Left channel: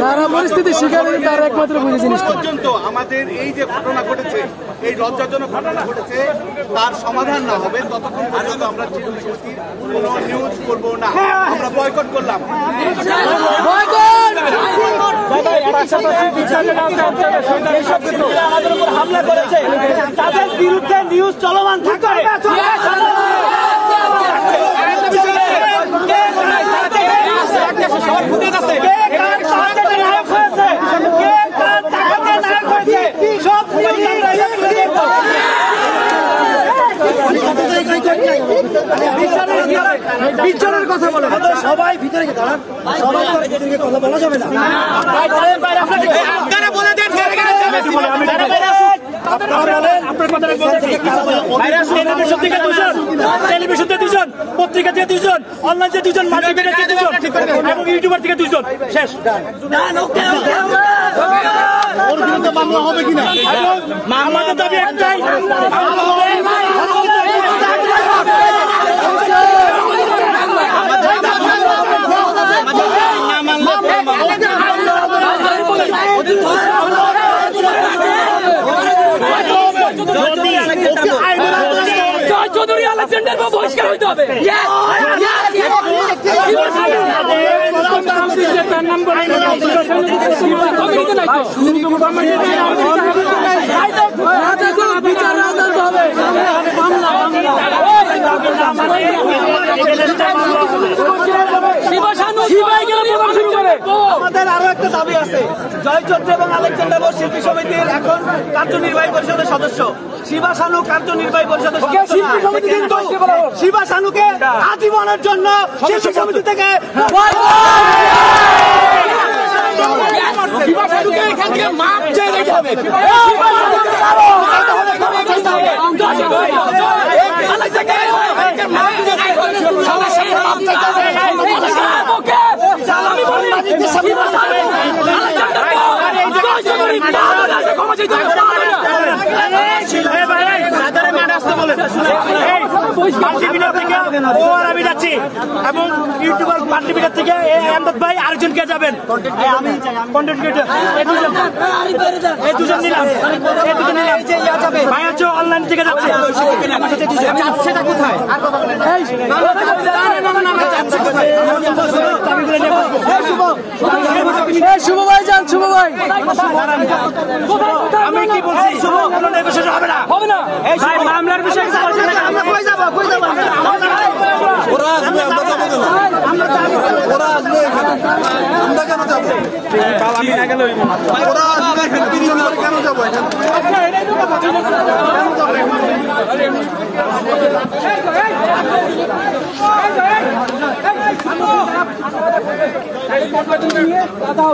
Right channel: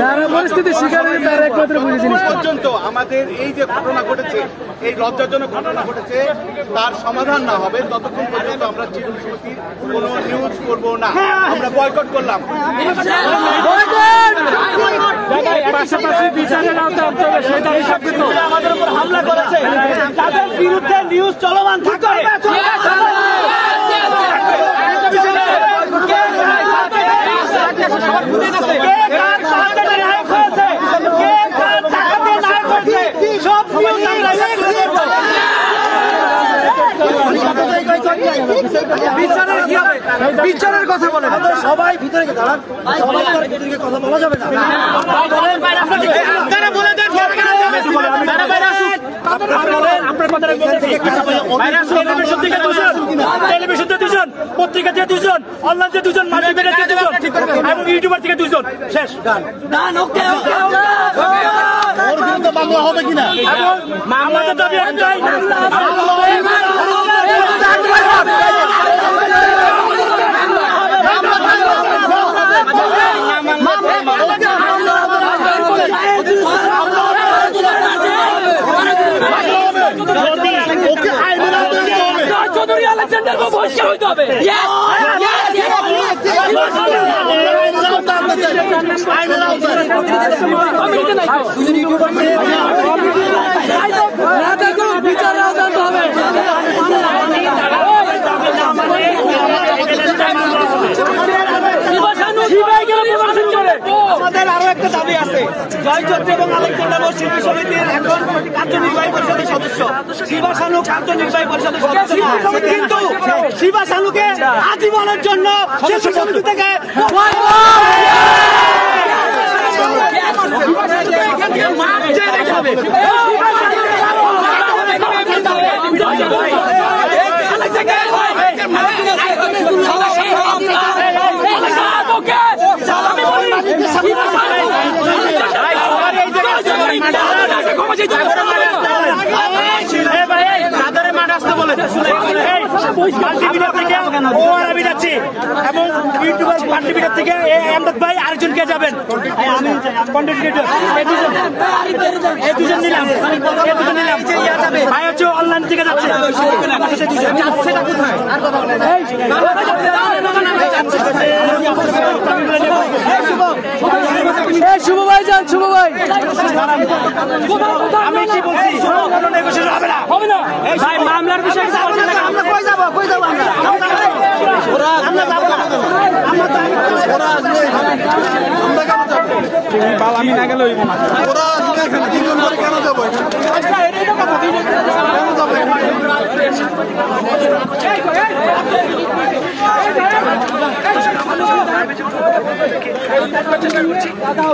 যারা পরিস্থিতি শিকার তারা একমাত্র বুঝে জিনিস পর্যন্ত আমাদের এই যে ঘটনা ঘটেছে, এই লজ্জাজনক ঘটনা ঘটেছে, তার সমাধান না হবে ততক্ষণ পর্যন্ত আমরা চিরুনি সমিতির কোনো নিউজ করব না। আমরা বয়কট করলাম। আমাদের উপর হামলা করেছে, তাদের বিরুদ্ধে নিউজ চলমান থাকবে। নায়ক হয়েছে, কে কার টাকাতে নায়ক হয়েছে, সব নিউজ আমরা তুলে ধরবো। বিচারের কথা বলে সবাই ভিতরে দাঁড়ান, সবাই কথা বলা যাবে না। টেলিভিশন থেকে 2 জন, পত্রিকা থেকে 2 জন, অনলাইন থেকে 2 জন, মাল্টিমিডিয়া থেকে 2 জন এবং ইউটিউবার থেকে 2 জন। শেষ। আমাদের দাবি একটাই, বহিষ্কার হইতে হবে। আমাদের আরো একটা দাবি আছে, জয় চৌধুরী এবং আলেকজান্ডার বোস শিল্পী সমিতির এখন কার্যনির্বাহী পরিষদের সদস্য, শিবা সানু কার্যনির্বাহী পরিষদের সদস্য, কিন্তু শিবা সানুকে আজীবনের জন্য শিল্পী সমিতি থেকে মাল্টিমিডিয়া থেকে ও আর আমি যাচ্ছি এবং ইউটিউবার মাল্টিমিডিয়া থেকে আমদাদ ভাই আরেকজনকে যাবেন, কন্টেন্ট ক্রিয়েটর, এই দুজন নিলাম, ভাই হচ্ছে অনলাইন থেকে যাচ্ছে। সেটা কোথায়? শুভ ভাই যান, শুভ ভাই আমি কি বলছি, হবে না, হবে না, মামলার বিষয়ে ওরা আসবে, আমরা যাবো কেন? ওরা আসবে, আমরা কেন যাবো? ওরা আসবে, 3 জন করে কেন যাবো? দাদা